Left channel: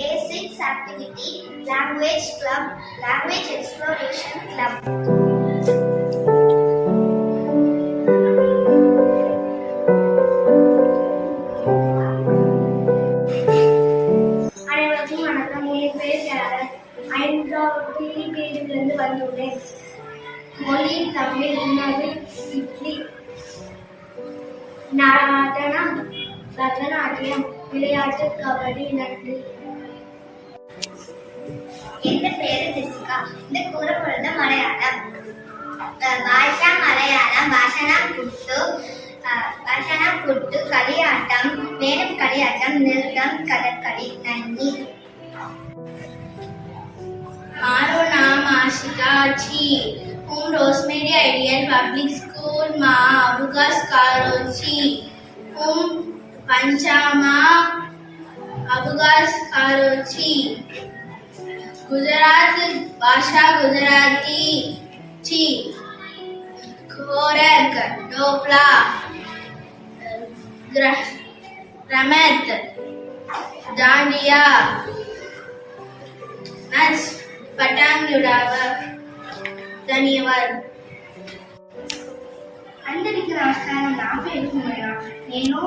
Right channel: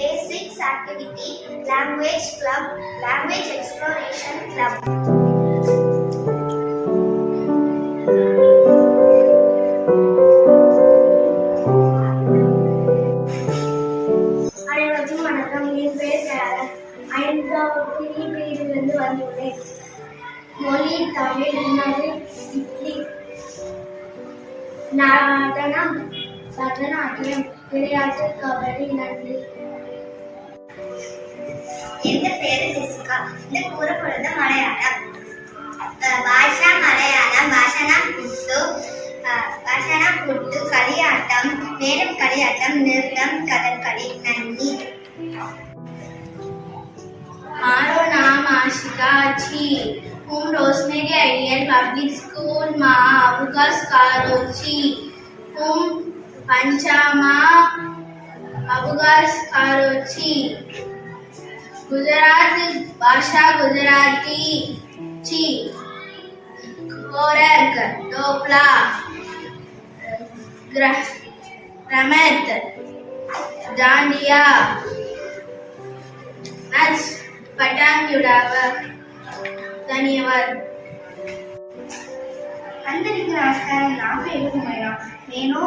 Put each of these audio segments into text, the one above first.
Day 6 activity Language Club, Language Exploration Club. அனைவருக்கும் வணக்கம். என் பெயர் கேரளன். 5வது பிரிவிலிருந்து வந்துள்ளேன். மொழி தமிழ், உணவு இட்லி, நடனம் பரதநாட்டியம், விளையாட்டு கபடி, நன்றி. என் பேரு ஜெசிகா. இந்த கூறப்படுறது மலையாளம். பாஷா மலையாளம். பாஷனா குட்டு களியாட்டம், மேலும் களியாட்டம், நிறுத்தம், கதகளி. நன்றி. મારું નામ આશિકા છે. હું રોઝમેરી આઈડિયલ પબ્લિક સ્કૂલમાં અવકાશ કરું છું. હું પંચામાં અવકાશ કરું છું. ગુજરાત ભાષા ગુજરાતી છે. ખોરાક ઢોકળા, રમત દાંડિયા, નાચ పటాంగి ఉడావా. ధన్యవాదాలు. అందరికీ నమస్కారం. నా పేరు హుమైరా. నేను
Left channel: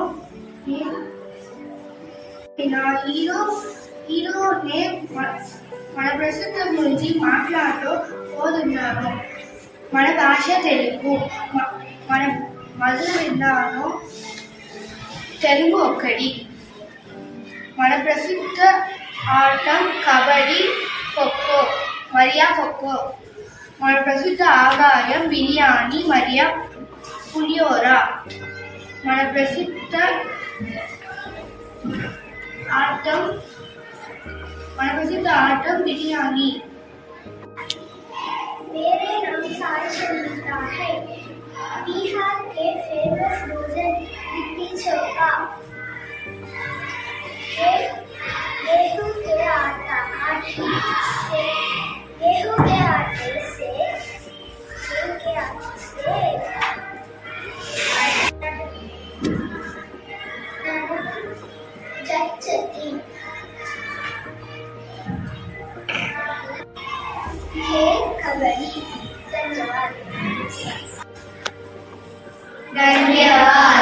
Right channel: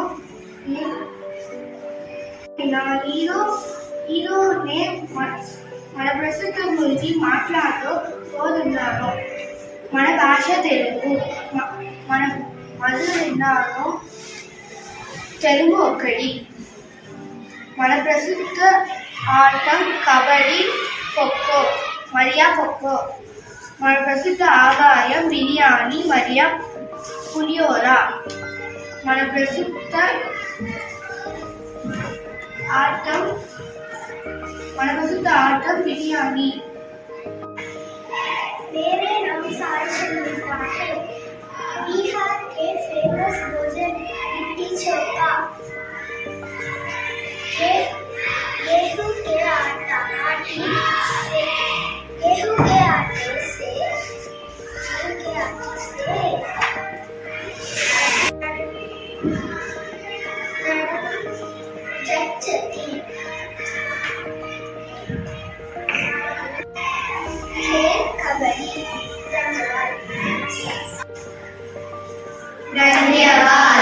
మన ప్రస్తుతం గురించి మాట్లాడుతూ పోతున్నాను. మన భాష తెలుగు. మన మొదలు విన్నాను తెలుగు ఒక్కటి. మన ప్రస్తుత ఆటం కబడ్డీ, ఖోఖో మరియు ఖోఖో. మన ప్రస్తుత ఆదాయం బిర్యానీ మరియు పులిహోర. మన ప్రస్తుత आटम बिरयानी. मेरे नाम सारचंद्रिका है. बिहार के फेमस भोजन लिट्टी चोखा. गेहूं के आटे से चटनी, खेल कबड्डी. धन्यवाद.